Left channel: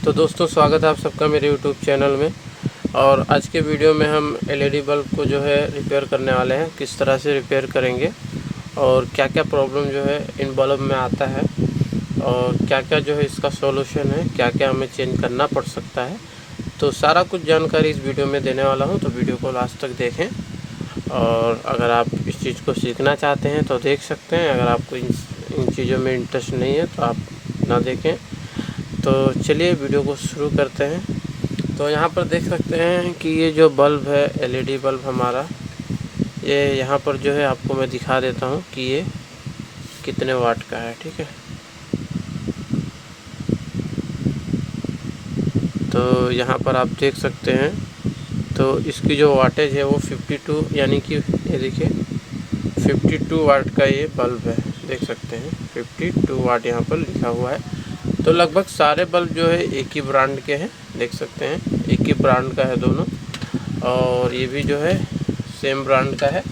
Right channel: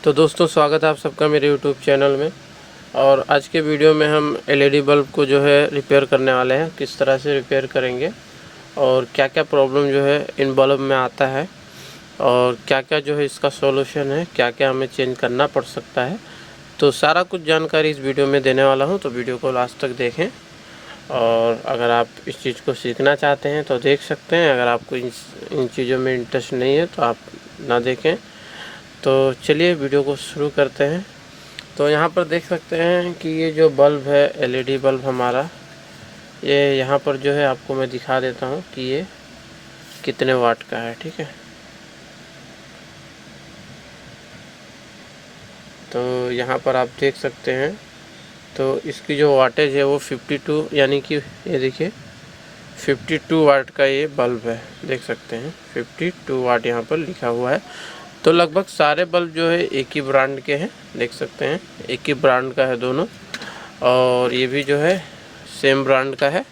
तो दोस्तों स्वागत है आप सबका मेरे यूट्यूब चैनल में। और आज के वीडियो में हम एलईडी बल्ब को जो है रिपेयर करने वाले हैं। किस तरह से रिपेयर करेंगे और क्या क्या प्रॉब्लम जो है इन बल्ब में आता है और क्या क्या जो है इसका सॉल्यूशन है, क्या क्या हमें चेंज करना पड़ सकता है, तो सारा कुछ जानकारी इस वीडियो में देने वाला हूं। तो वीडियो को लास्ट तक देखें और अगर आप इस चीज़ को सीखना चाहते हैं तो देख सकते हैं। अगर आपको इन चीज़ों में इंटरेस्ट नहीं है तो आप ना देखें। तो चलिए वीडियो को शुरू करते हैं। तो यहाँ पर देख सकते हैं कि ये जो बल्ब है एलईडी बल्ब हमारा, ये यहाँ पर जो है आपको मैं दिखा देता हूँ कि ये कितने वाट का है। ठीक है, तो यहाँ पर आप देख सकते हैं। तो इसकी जो वाटेज है वो 52, यानी कि ये देखिए 52 वाट का ये बल्ब है। देख सकते हैं 52 वाट यहाँ पर लिखा हुआ है। तो लगभग सारे बल्ब जो है एक ही ब्रांड के हैं। देख सकते हैं एक ही ब्रांड का है दोनों, और ये भी जो है सेम ब्रांड का है।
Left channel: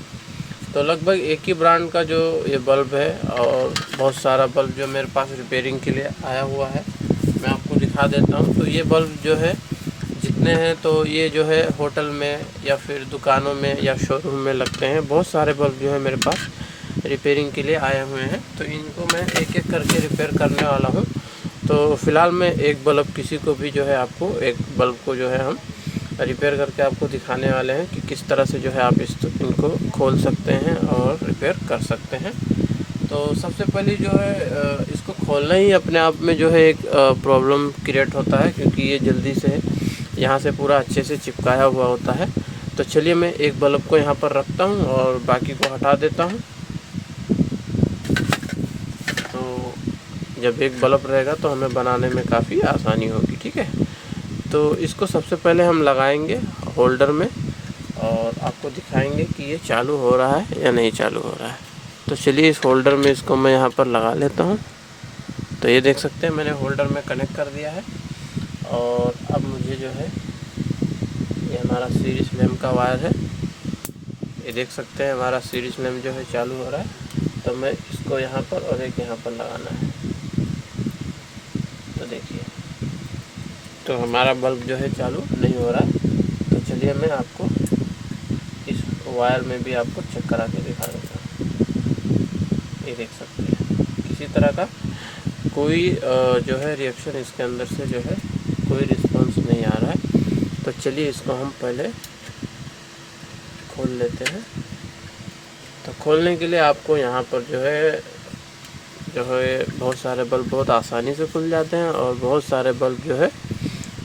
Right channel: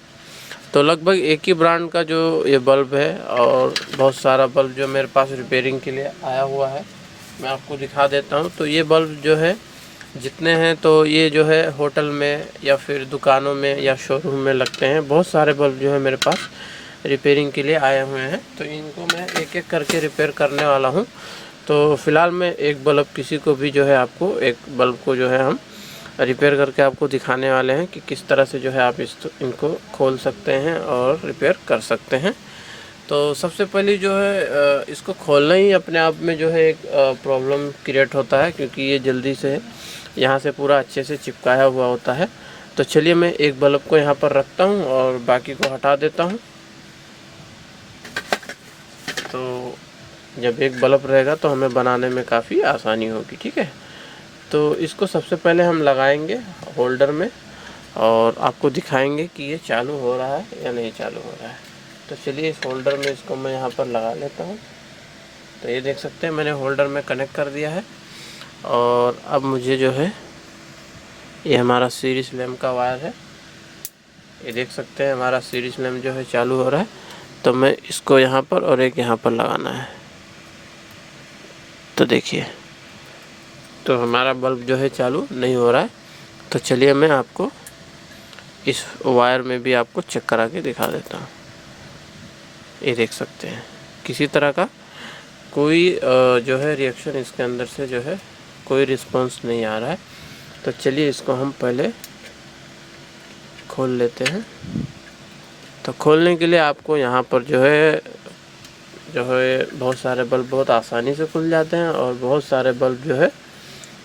तो लगभग एक ही ब्रांड का जो ये बल्ब है, और बहुत सारा बल्ब जो मेरे पास रिपेयरिंग के लिए आया हुआ है मैं आपको दिखा देता हूँ। तो ये बल्ब जो है जितने हैं, तो ये जो है होटल में या फिर दुकानों में या शोरूम में लगते हैं। बहुत सारे बल्ब जो है मेरे पास रिपेयरिंग के लिए आए हुए हैं। तो इनको मैं एक एक करके रिपेयर करने वाला हूँ। तो फ़िलहाल मैं एक बल्ब, किसी को भी जो है आपको एक बल्ब को जो है हम रिपेयर करके आपको दिखाने वाले हैं कि किस तरह से जो है आप इनको खोल सकते हैं और रिपेयर कर सकते हैं। तो सबसे पहले जो है इसको खोलना ही अपने आप में जो है एक प्रॉब्लम क्रिएट होता है, क्योंकि ये जल्दी से यहाँ से पूरा अच्छे से चिपकाया हुआ होता है। तो चलिए मैं एक बल्ब को यहाँ पर रखता हूँ और बाकी को हटा देता हूँ। तो जब एक बल्ब रहेगा तो हमें बनाने में काफ़ी आसानी होगी। ठीक है, तो इसको सबसे पहले हम लगाएंगे होल्डर में और आपको दिखाएंगे कि ये चालू हो रहा है या नहीं चालू हो रहा है। तो चलिए इस होल्डर में इसको मैं यहाँ पर लगा लेता हूँ। तो ये देख सकते हैं मैंने होल्डर में कनेक्ट कर दिया है। और अब मुझे जो है ये हमारा सीरीज लैम्प का वायर है, ये देख सकते हैं हमारा सीरीज लैम्प जो है चालू हो रहा है। तो मैं इसको यहाँ पर और एक यहाँ पर लगाना है। तो देखिए, तो हमारा बल्ब जो है चालू नहीं हो रहा है। तो चलिए मैं आपको इस वायर में भी आपको चेक करा के दिखा देता हूँ। ये देख सकते हैं किसी तरह का कोई जो है रिएक्शन इसके अंदर से जो है कोई रिस्पांस नहीं आ रहा है। तो चलिए इसको हम पहले खोल लेते हैं। तो खोलने के लिए आपको यहाँ पर जो है बहुत सारे बल्ब बहुत आसानी से खुल जाते हैं और बहुत सारे बल्ब जो है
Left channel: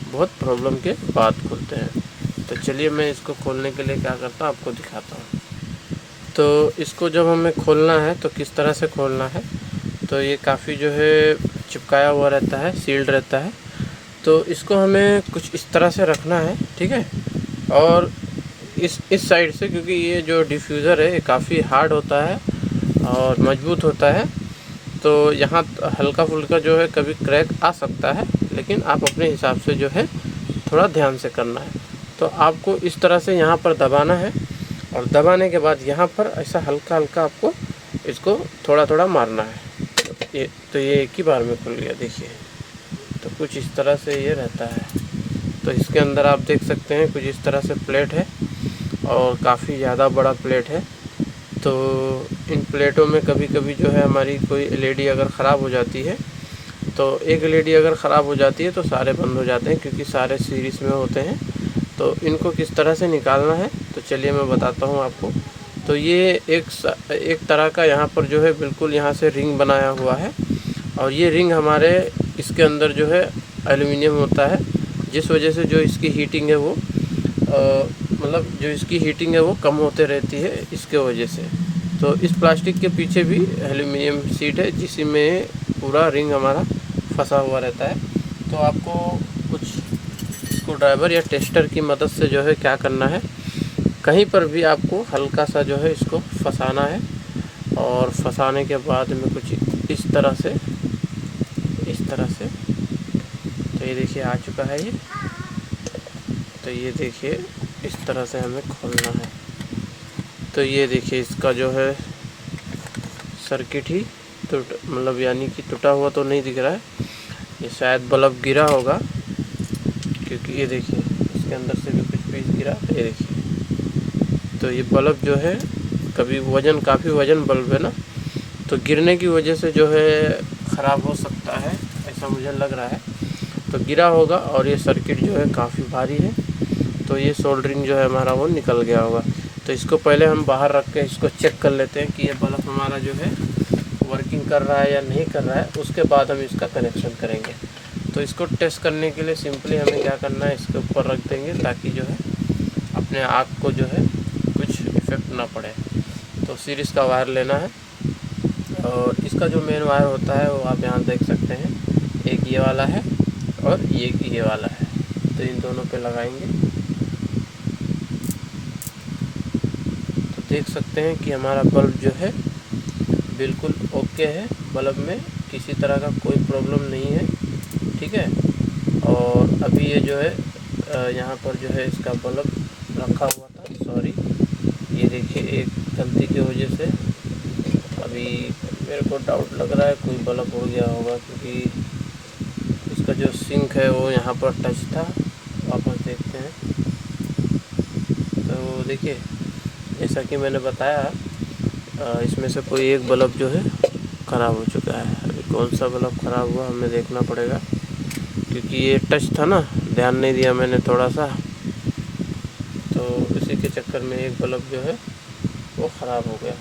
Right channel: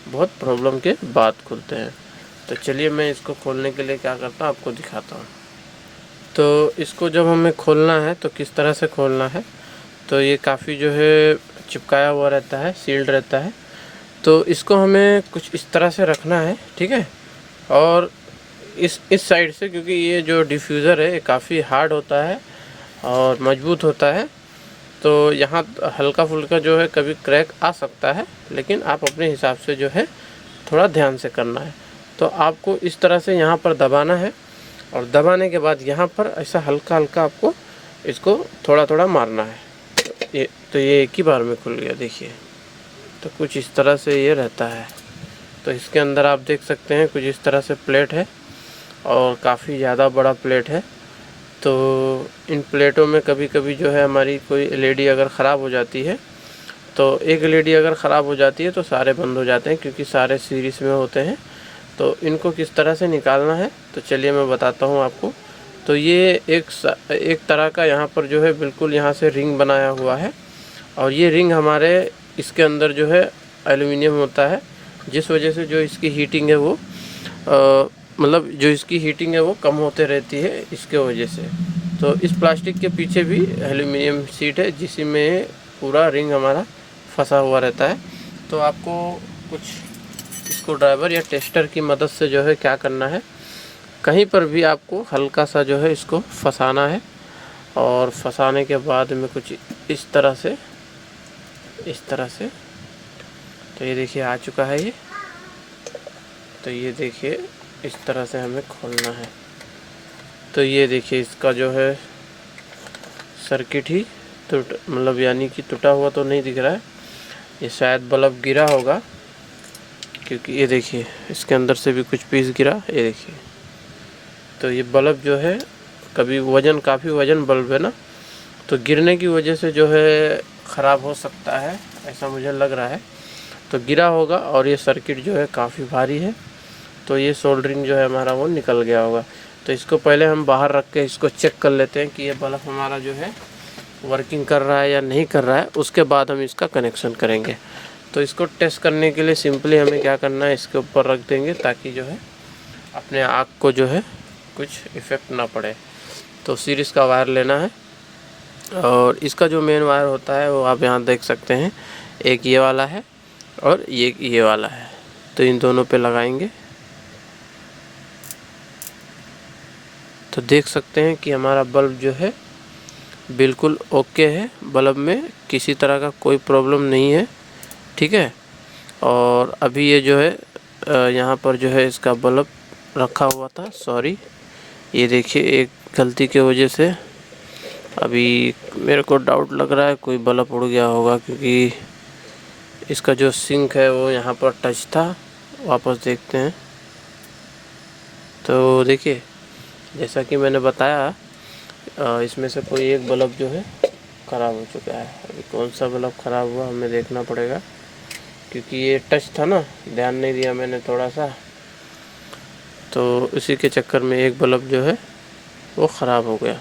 बहुत प्रॉब्लम के बाद खुलते हैं। तो चलिए मैं इसको खोलने के लिए क्या करता हूँ आपको दिखाता हूँ। तो इसको जब हमें खोलना है तो किस तरह से खोलना है, तो ये काफ़ी जो है चिपकाया हुआ रहता है, सील्ड रहता है। तो इसको हमें कुछ इस तरह से रखना है। ठीक है, और इस साइड से, क्योंकि ये जो डिफ्यूज़र है ये काफ़ी हार्ड होता है और मजबूत होता है। तो यहाँ हल्का फुल्का जो है कभी क्रैक आ सकता है, लेकिन आप अपने हिसाब से जो है थोड़ा ध्यान से करना है। तो आपको इस तरह से यहाँ पर दबाना है और दबाने के बाद यहाँ पर ऐसा हल्का हल्का आपको इसको थोड़ा थोड़ा मारना है। तो ये एक ही बार में खुल गया, देखिए। तो कुछ इस तरह से ये रहता है। तो इसके अंदर आप देख सकते हैं कुछ इस तरह से प्लेट है और काफ़ी ज़्यादा बड़ा प्लेट है। तो इन प्लेटों में कभी कभी जो है हमारी कोई एलईडी अगर ख़राब हो जाती है, तो एक एलईडी अगर ख़राब हो जाती है तो सारे बंद हो जाते हैं, क्योंकि सारे सीरीज़ में होते हैं। तो इनको किस तरह से निकालना है तो चलिए मैं बताता हूँ आपको। तो ये एक तरह का यहाँ पर जो है बिल्कुल यहाँ से रिंग बनाया हुआ है, और ये रिंग हमारे इसके अंदर जो है एल्युमिनियम होता है, जिस वजह से जो इसकी हीटिंग है वो मतलब जो इसकी हीटिंग है वो कम होते रहती है इसके वजह से। तो इस प्लास्टिक के पीछे भी एल्युमिनियम शीट है, जिसमें पूरा रिंग हमारा फंसा हुआ रहता है। तो आपको कुछ स्क्रू ड्राइवर या टेस्टर की मदद से जो है क्या करना है, कहीं पर भी आपको हल्का सा जो है इसको फंसाना है। और फंसाने के बाद में कुछ इस तरह से तो ये देखिए आ चुका है ये। तो ये देखिए इस तरह से हमें खोलना है। तो ये देखिए इसका जो है सर्किट ही मतलब यानी कि टूटा हुआ तो नहीं दिख रहा है, ये शायद बल्ब गिरा होगा क्योंकि ये देखिए इसके अंदर से भी कुछ पीस गिरा, ये देखिए। तो ये बल्ब जो है कभी काफ़ी वज़न बल्ब है ना, तो गिरने की वजह से जो है ख़राब हो सकता है, ऐसा मुझे लग रहा है। तो गिरा होगा और ये सर्किट जो है काफ़ी भारी है, तो ये सोल्डरिंग जो है हमारा वो निकल गया होगा। तो इसको पहले हम बाहर रख के इसको चेक कर लेते हैं कि ये बल्ब हमारा जो है वर्किंग कर रहा है या नहीं कर रहा है, उसके बाद हम इसका कनेक्शन करेंगे। तो इसको टेस्ट करने के लिए सिंपली हमें क्या करना है, इसके ऊपर रख देंगे ताकि जो है अपने आँख को जो है कुछ इफ़ेक्ट ना पड़े। तो सीरीज़ का वायर लेना है और इसका जो मेन वायर होता है वो आप यहाँ देख सकते हैं, एक ये वाला है और ये वाला है। तो इन दोनों पे लगाएंगे तो देख सकते हैं कि हमारा बल्ब जो है बिल्कुल ओके है, बल्ब में किसी तरह का कोई प्रॉब्लम नहीं है, ठीक है। और अभी ये जो है यहाँ पर जो है इसका बल्ब रखा हुआ था, सॉरी, ये देखिए एक गलती की वजह से अभी मेरे को डाउट लग रहा है कोई बल्ब उड़ गया होगा, क्योंकि इसका जो सिंक है वो यहाँ पर टच था। वापस देखते हैं तो देखिए जैसा कि मैंने बताया इसमें से कोई एक बल्ब जो है ख़राब हो चुका है। अभी कौन सा बल्ब ख़राब हुआ हमें देखना पड़ेगा, क्योंकि ये टच था ना, ध्यान नहीं दिया मैंने थोड़ा सा, तो इसी के चक्कर में एक बल्ब जो है वो ख़राब हो गया।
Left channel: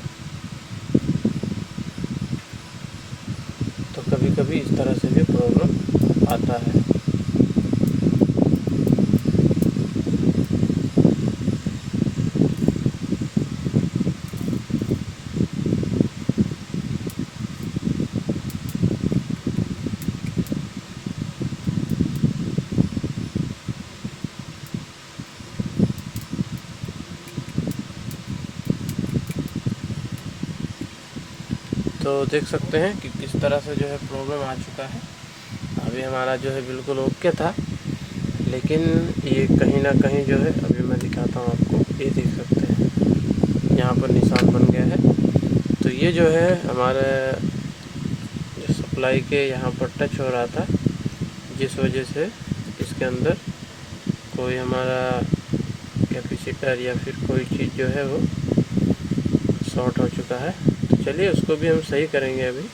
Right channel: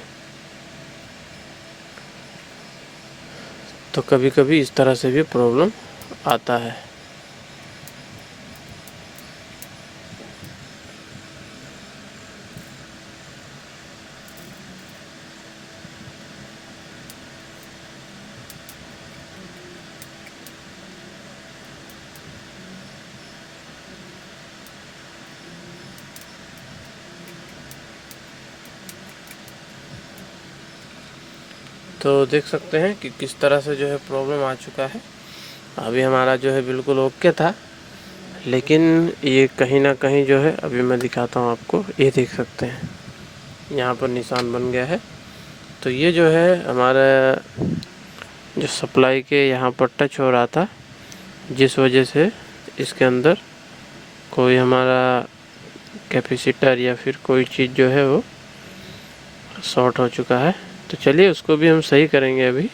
तो कभी कभी इस तरह से भी प्रॉब्लम आता है। तो देख सकते हैं कि किस तरह से जो है प्रॉब्लम आ चुका है। अभी हमारा जो है बिल्कुल ओके था, लेकिन ये कहीं ना कहीं जो है, अभी मैं दिखाता हूँ आपको, ये देख सकते हैं यहाँ पर निशान बन गया है। तो ये जो है हमारा जो सप्लाई के यहाँ पर टच हो रहा था, जिस वजह से इसके अंदर कोई हमारा कैपेसिटर या फिर कोई चीज़ जो है वो शॉर्ट हो चुका है। तो चलिए उसको भी हम सही करेंगे अभी।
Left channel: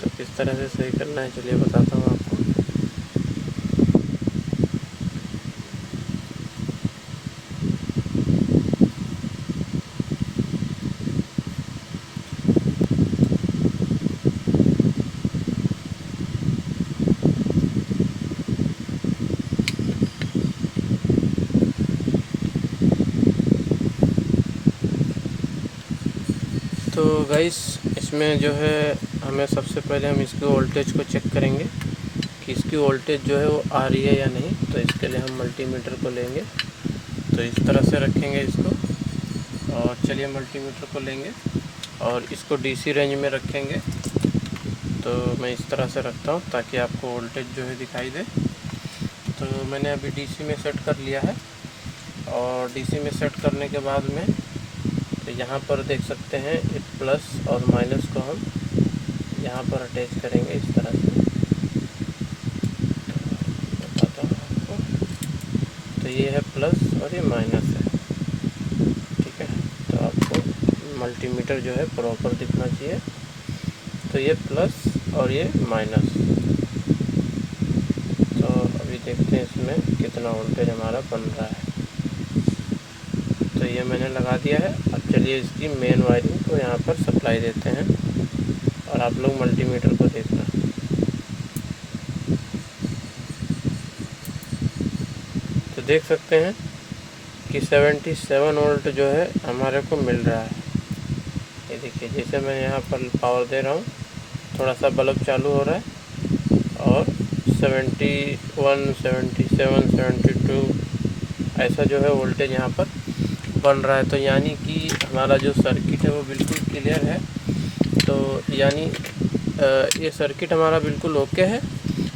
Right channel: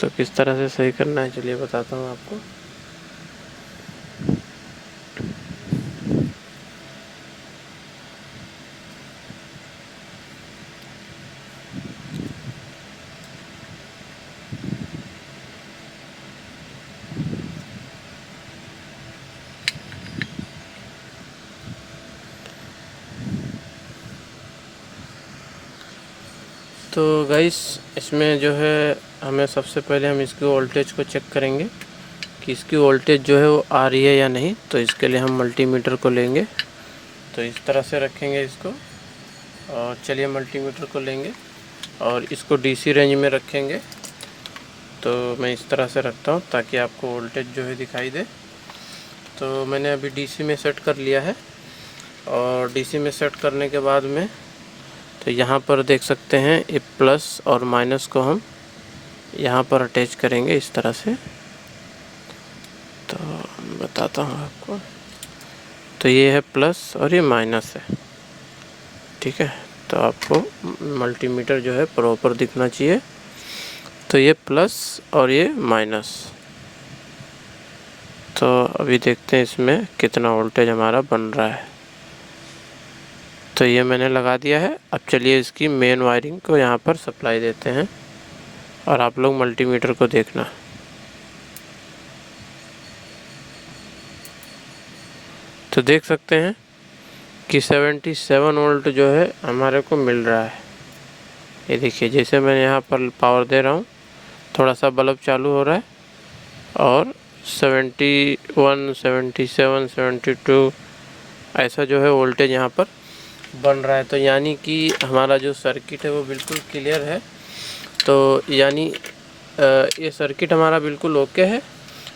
तो किस तरह से सही करना है चलिए बताता हूँ आपको। तो गाइस इसमें जो है हमें सबसे पहले हम इसकी वोल्टेज को चेक करेंगे कि इसकी वोल्टेज जो है वो आ रही है या नहीं। तो इसके लिए हम मल्टीमीटर को लेंगे, तो इस तरह से रखेंगे इसको, और चलिए मल्टीमीटर को लेंगे और इसको डीसी रेंज में रखेंगे। तो मैं इस तरह से रखता हूँ ताकि आपको वोल्टेज जो है दिखाई दे। तो मैंने अभी डीसी में सेट कर लिया है, और डीसी में सेट करने के बाद में तो यहाँ पर देख सकते हैं ये प्लस और माइनस को हम यहाँ पर अटैच करेंगे इस तरह से। तो बताता हूँ आपको, तो ये है प्लस और ये माइनस है, ठीक है। तो आपको मल्टीमीटर जो है प्रॉपर दिखना चाहिए। तो ये प्लस और ये माइनस। तो अभी देखते हैं इसमें कितना वोल्टेज हमारा बन रहा है। तो ये मैंने लगा दिया है। अब चलिए इसकी मेन वायरिंग को यहाँ पर सप्लाई देते हैं, और आप लोग मल्टीमीटर को देखना। तो देख सकते हैं कि 77 वोल्ट जो है हमारे को मिल रहा है। ये देखिए जैसे मैं यहाँ पर पावर दे रहा हूँ, थोड़ा सा बल्ब चालू हो रहा है, और 71, 77, 72 ऐसा जो है वोल्टेज यहाँ पर बन रहा है। तो यानी कि हमारा जो सर्किट है वो बिल्कुल क्लियर है। तो यानी ये सर्किट हमारा बिल्कुल ओके है।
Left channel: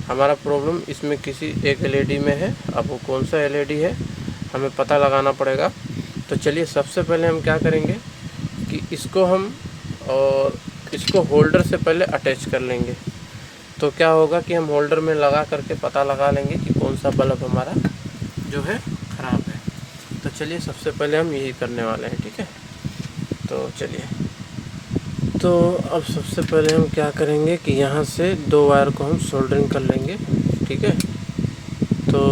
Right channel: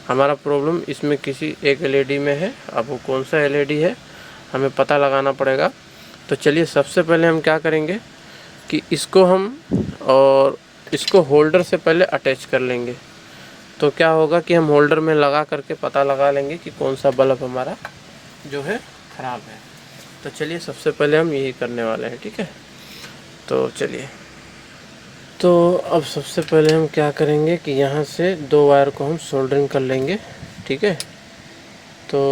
हमारा प्रॉब्लम इसमें किसी एक एलईडी में है। अब वो कौन सा एलईडी है हमें पता लगाना पड़ेगा। तो चलिए सबसे पहले हम क्या करेंगे कि इसको हम और इसको होल्डर से पहले अटैच कर लेंगे। तो तो क्या होगा कि हम होल्डर में लगा करके पता लगा लेंगे कि कौन सा बल्ब हमारा जो है ख़राब है। तो चलिए सबसे पहले हम यही करने वाले हैं, ठीक है। तो चलिए, तो अब सबसे पहले हम क्या करेंगे कि यहाँ से 2 वायर को हम सोल्डरिंग कर लेंगे, ठीक है। तो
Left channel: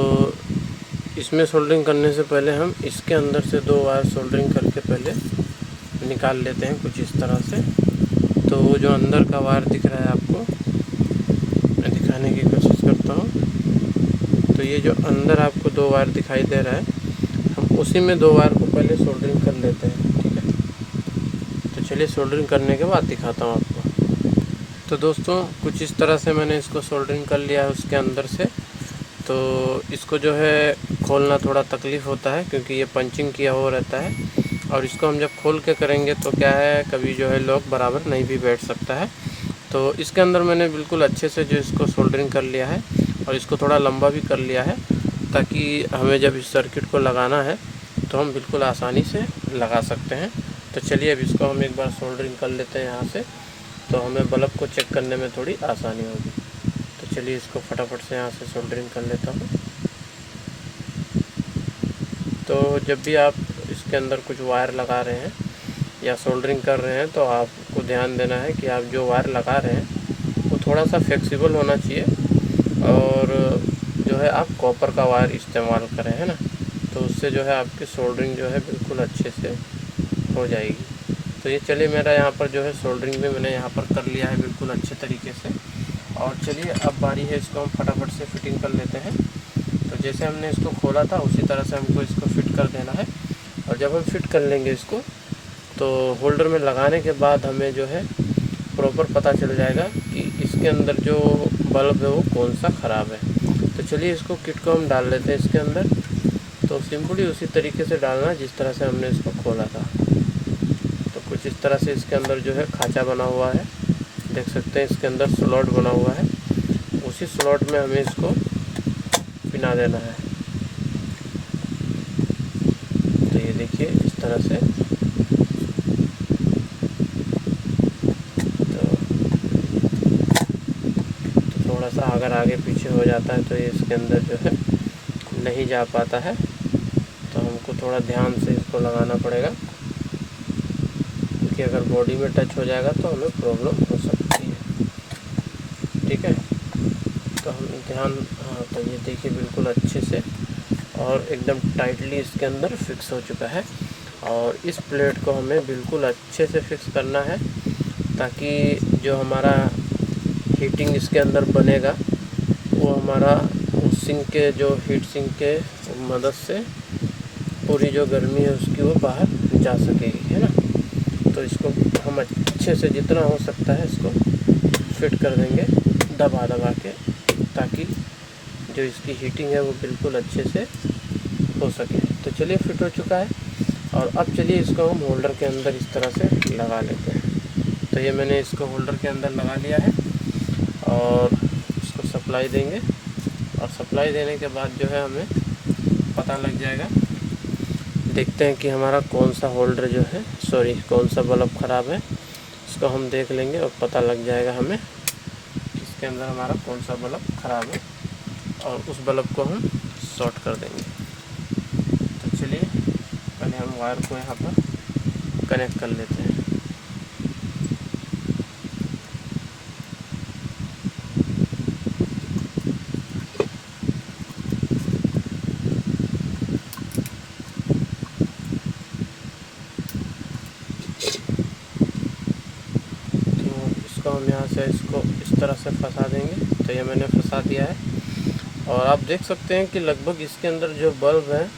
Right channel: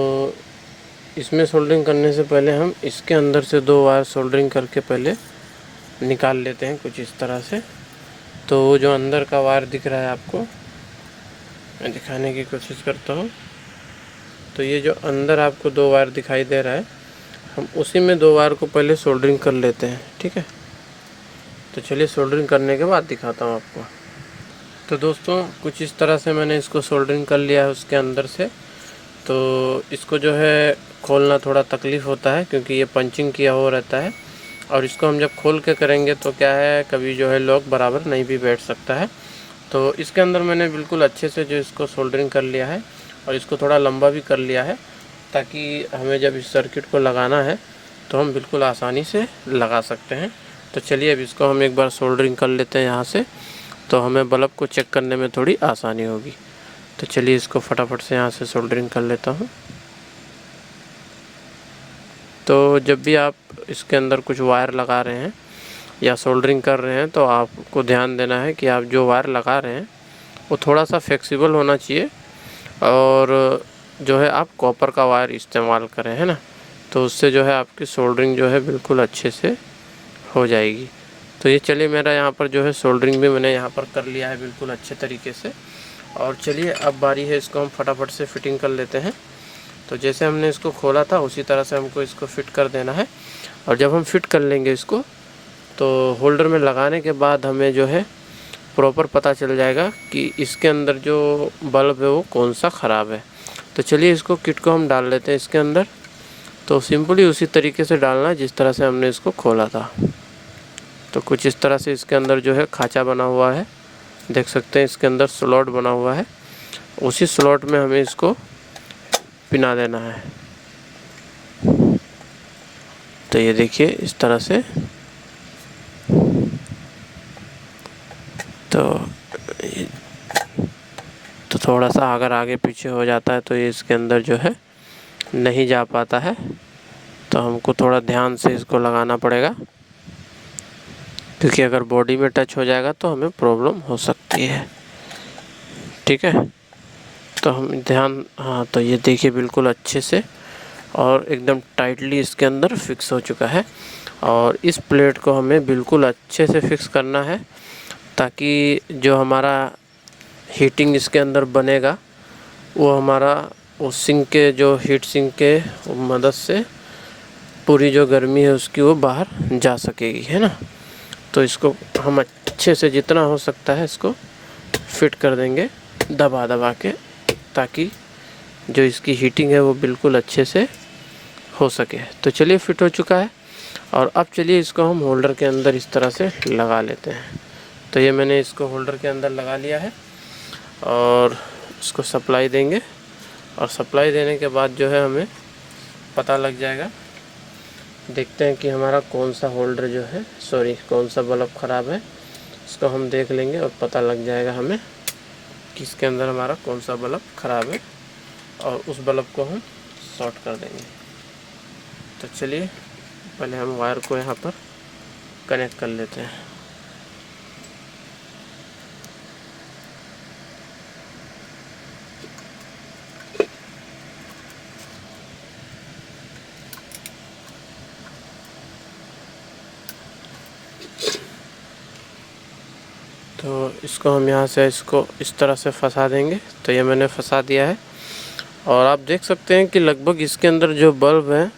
इसमें सोल्डरिंग करने से पहले हम इसके अंदर से 2 वायर सोल्डरिंग करके पहले निकाल लेते हैं कुछ इस तरह से। तो वो जो अंदर का वायर दिख रहा है आपको, मैं दिखाने की कोशिश करता हूँ। तो ये जो अंदर आपको 2 वायर दिखाई दे रहा है, हम उसी में 2 वायर को पहले सोल्डरिंग कर लेते हैं, ठीक है। तो चलिए सोल्डरिंग करने के बाद दिखाता हूँ आपको। तो दोस्तों कुछ इस तरह से मैंने इसको सोल्डरिंग कर लिया है उसके अंदर से। तो इसको जो है खोलना थोड़ा तकलीफ़ होता है क्योंकि ये पंचिंग किया हुआ रहता है, और इसको हम जब खोल के करेंगे तो क्या है, कभी जो है लॉक बराबर नहीं भी बैठ सकता है। तो इसके अंदर मैंने बिल्कुल अच्छे से जो इसको सोल्डरिंग कर लिया है, और इसको थोड़ा लंबा भी कर लिया है ताकि हमें जब इस सर्किट को लगाना है तो हम बिल्कुल आसानी से लगा सकते हैं। तो चलिए अब इसको हम एक बार सोल्डरिंग कर लेते हैं यहाँ से, तो हमें बल्ब को चेक करने में थोड़ी आसानी होगी। तो चलिए इसको फटाफट से यहाँ से सोल्डरिंग कर लेता हूँ। तो जब भी आप इसके अंदर कुछ वायर लगा रहे हैं या सोल्डरिंग कर रहे हैं तो आपको ध्यान देना है कि आप जो वायर लगा रहे हैं वो थोड़ा सा फ्लेक्सिबल होना चाहिए, और जो है आप कॉपर का वायर इस्तेमाल करें, है ना। तो उससे जो है आपकी सोल्डरिंग जो है बिल्कुल अच्छे से हो जाएगी। तो ये चलिए मेरा यहाँ पर जो है सोल्डरिंग भी मैंने यहाँ पर कर लिया है बिल्कुल अच्छे तरीके से। और चलिए अब बारी है इसको हम फटाफट से फिटिंग कर लेते हैं। तो जैसे हमने इसको खोला था उसी तरह से हमको इसको फिट कर देना है। और जब हम फिट कर लेंगे इसको तो होल्डर में लगाने के बाद हमें जो है प्रॉपर पता चल जाएगा कि इसके अंदर जो बल्ब है वो कौन सा ख़राब है। तो चलिए इसको किट को हम डाल लेते हैं इसके अंदर। तो सिंपली उसी तरीके से डालना है जिस तरह से हमने इसको खोला था। तो कुछ इस तरह से इसके अंदर जो है खाँचा बना हुआ है, देख सकते हैं इसके अंदर स्लॉट बना हुआ है, उसी स्लॉट में हमें इसको पिना देना है। तो ये देखिए इस तरह से। तो थोड़ा सा अगर आगे पीछे हो जाता है तो ये इसके अंदर जो है नहीं जा पाता है, तो हमको थोड़ा ध्यान से इसको लगाना पड़ेगा, क्योंकि अगर बॉडी में टच हो जाएगा तो हमें प्रॉब्लम हो सकती है, ठीक है। तो हम हाँ, तो ये देखिए बिल्कुल अच्छे से और एकदम टाइटली इसके अंदर फिक्स हो चुका है। और इस प्लेट को हमें बिल्कुल अच्छे से फिक्स करना है ताकि जो हमारा हीटिंग इसके अंदर बनेगा वो हमारा उस सिंक के जो हीट सिंक के मदद से पूरी जो गर्मी है उसकी वो बाहर जा सकेगी, है ना। तो इसको हम अच्छे से जितना हो सकता है इसको फिट कर देंगे दबा दबा के, ताकि जो इसकी हीटिंग है वो बिल्कुल अच्छे से हो सके। तो चलिए फिट हो चुका है। और अब चलिए इसको हम होल्डर के अंदर इस तरह से लगा लेते हैं। तो ये मैंने इसको होल्डर के अंदर लगा लिया है और इसको सप्लाई देंगे, और सप्लाई देने के बाद जो है हमें पता लग जाएगा, देखते हैं कि हमारा कौन सा होल्डर जो है कौन सा बल्ब ख़राब है। इसको हम देख लेंगे और पता लग जाएगा हमें कि इसके अंदर हमारा कौन सा बल्ब ख़राब है, और उस बल्ब को हम शॉर्ट कर देंगे। तो चलिए पहले हम वायर को यहाँ पर कनेक्ट कर लेते हैं। तो इसको हम यहाँ से इसको इस तरह से फंसा देंगे। तो ये मैंने फंसा दिया है, और आप देख सकते हैं कि लगभग इसके अंदर जो बल्ब हैं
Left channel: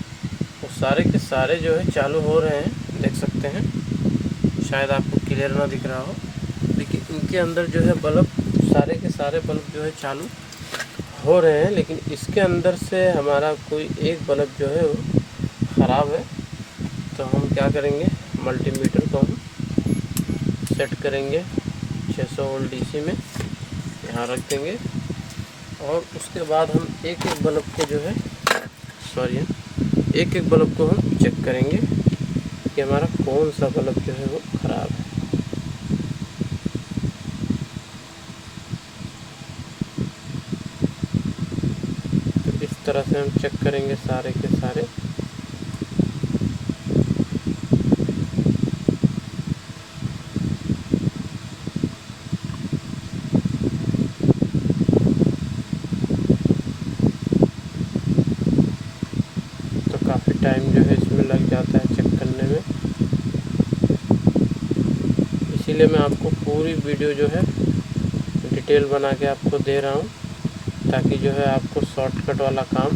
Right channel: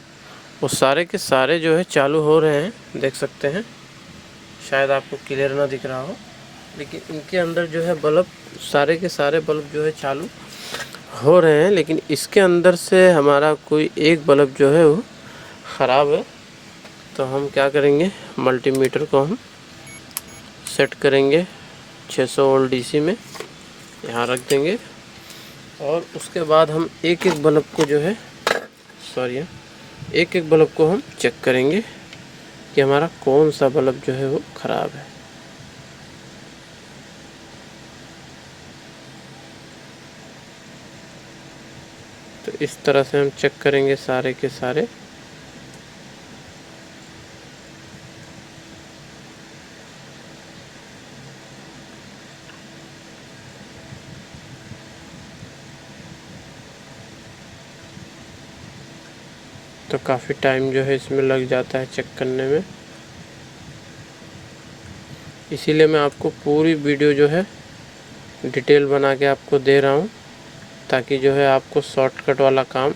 वो सारे के सारे जो है चालू हो रहे हैं, देख सकते हैं। शायद आपको क्लियर ना दिख रहा हो, लेकिन इनके अंदर जो है बल्ब सारे के सारे बल्ब जो है चालू हो रहे हैं, लेकिन इसके अंदर से हमारा कोई एक बल्ब जो है वो ख़राब है। तो हम क्या करेंगे, मल्टीमीटर को हम सेट करेंगे 600 वोल्ट डीसी में, यहाँ रख देंगे, और उसके बाद हम एक एक बल्ब को जो है एक एक बल्ब को हम चेक करेंगे कि हमारा कौन सा बल्ब जो है वो ख़राब है। इस तरह से हम चेक करेंगे सारे के सारे। तो काफ़ी टाइम जो है इसमें लग जाता है चेक करने में, इसीलिए मैं आपको पूरी वीडियो जो है डिटेल बना के आपको दे रहा हूँ, ताकि जो है आपको शॉर्टकट वाला काम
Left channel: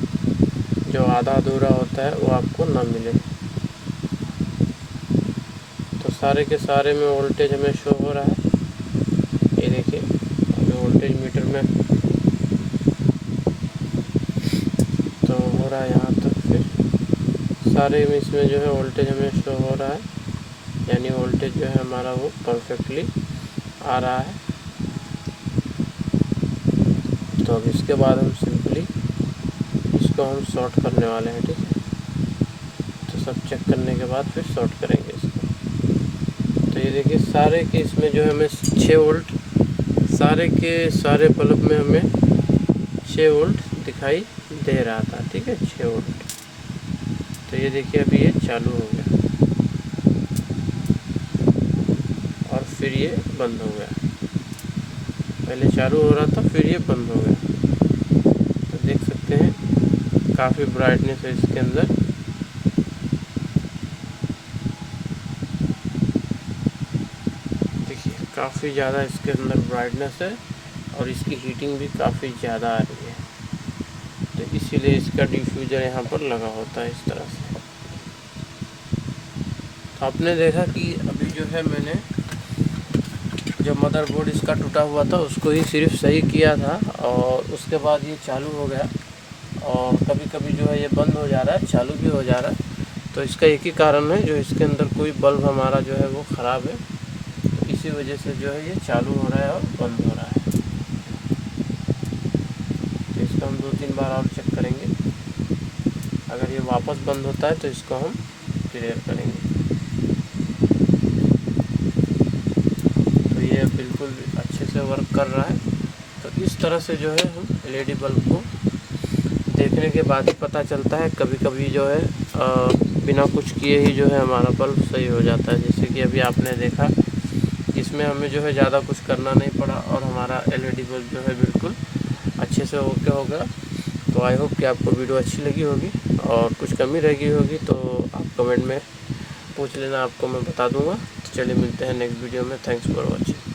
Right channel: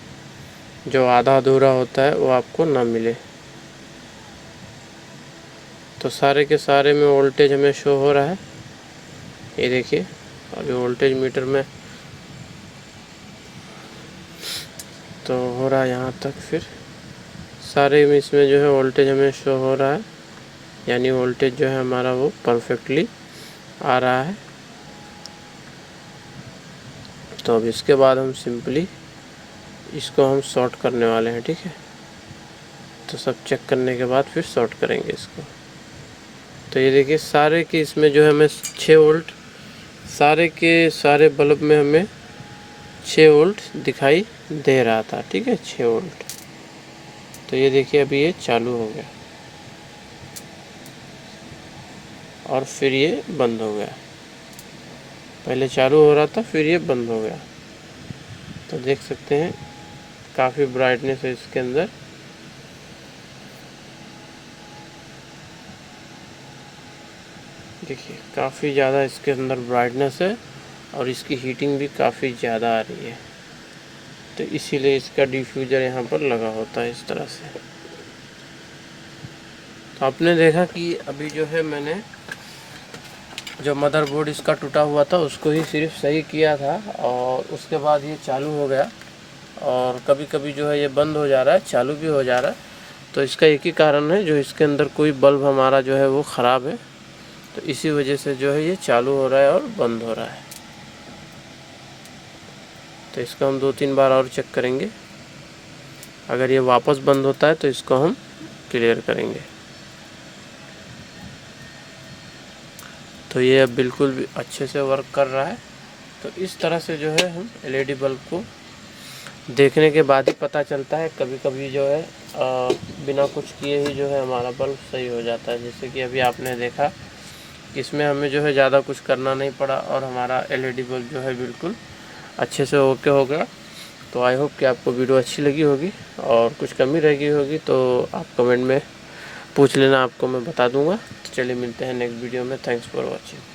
जो आधा अधूरा होता है वो आपको ना मिले। तो सारे के सारे में वोल्टेज हमें शो हो रहा है, ये देखिए। और जो वोल्टेज मीटर में तो हो रहा है यहाँ तक, फिर सारे में इसमें जो है वोल्टेज हमें शो हो रहा है, यानी वोल्टेज जो है हमारा वो परफेक्टली आ रहा है। तो अब इसके बाद हम सिंपली इसको हम शॉर्ट करने वाले हैं, ठीक है। तो सब चेक करने के बाद फिर शॉर्ट करेंगे इसको। तो ये देखिए सारे के इसमें जो है हमें 6 वोल्ट, सारे के सारे बल्ब में हमें 6 वोल्ट दिखाई दे रहा था, ठीक है, 6 वोल्ट। तो ये देखिए अभी ये चालू हो गया और फिर ये बंद हो गया। पहले चालू हो रहा था, फिर ये बंद हो गया। तो देख सकते हैं काफ़ी ब्राइटनेस है इसके अंदर। देखिए काफ़ी ज़्यादा इसके अंदर ब्राइटनेस है और इसकी हीटिंग भी काफ़ी ज़्यादा आ रही है। तो इसीलिए इसका डिफ्यूज़र यहाँ पर लगा होता है इस तरह से। तो आपने देखा कि अभी जो है मैंने जो मदरबोर्ड इसका टूटा हुआ था उसको ही सिर्फ सही किया था, और उसके बाद ये चालू हो गया। और कभी कभी जो है ये बंद हो जा रहा है, चालू भी हो जा रहा है। तो इसका एक ही कारण है, जो इसके अंदर कोई बल्ब हमारा जो है वो ख़राब है, तो इसी वजह से जो है ये चालू हो रहा है और बंद हो रहा है। तो इसको हम 2-3 बार और चेक करेंगे। अगर ये वापस बंद होता है तो इसको हम क्लियर करेंगे। तो ये अब बिल्कुल भी अच्छे से वर्क कर रहा है। तो इस तरह से जो है हम एलईडी बल्ब को देखने के बाद ही पता चलता है। कभी कभी जो है बिना कुछ किए ही जो है हमारा बल्ब सही हो जाता है। जैसे कि अभी आपने देखा, इसमें हमें जो है ज़्यादा कुछ करना नहीं पड़ा और हमारा एलईडी बल्ब जो है बिल्कुल अच्छे से ओके हो गया। तो आई होप कि आपको वीडियो अच्छी लगी होगी, और कुछ कमी रह गई होगी तो आप कमेंट में पूछ लेना, आपको मैं बता दूंगा। तो चलिए मिलते हैं नेक्स्ट वीडियो में। Thanks for watching.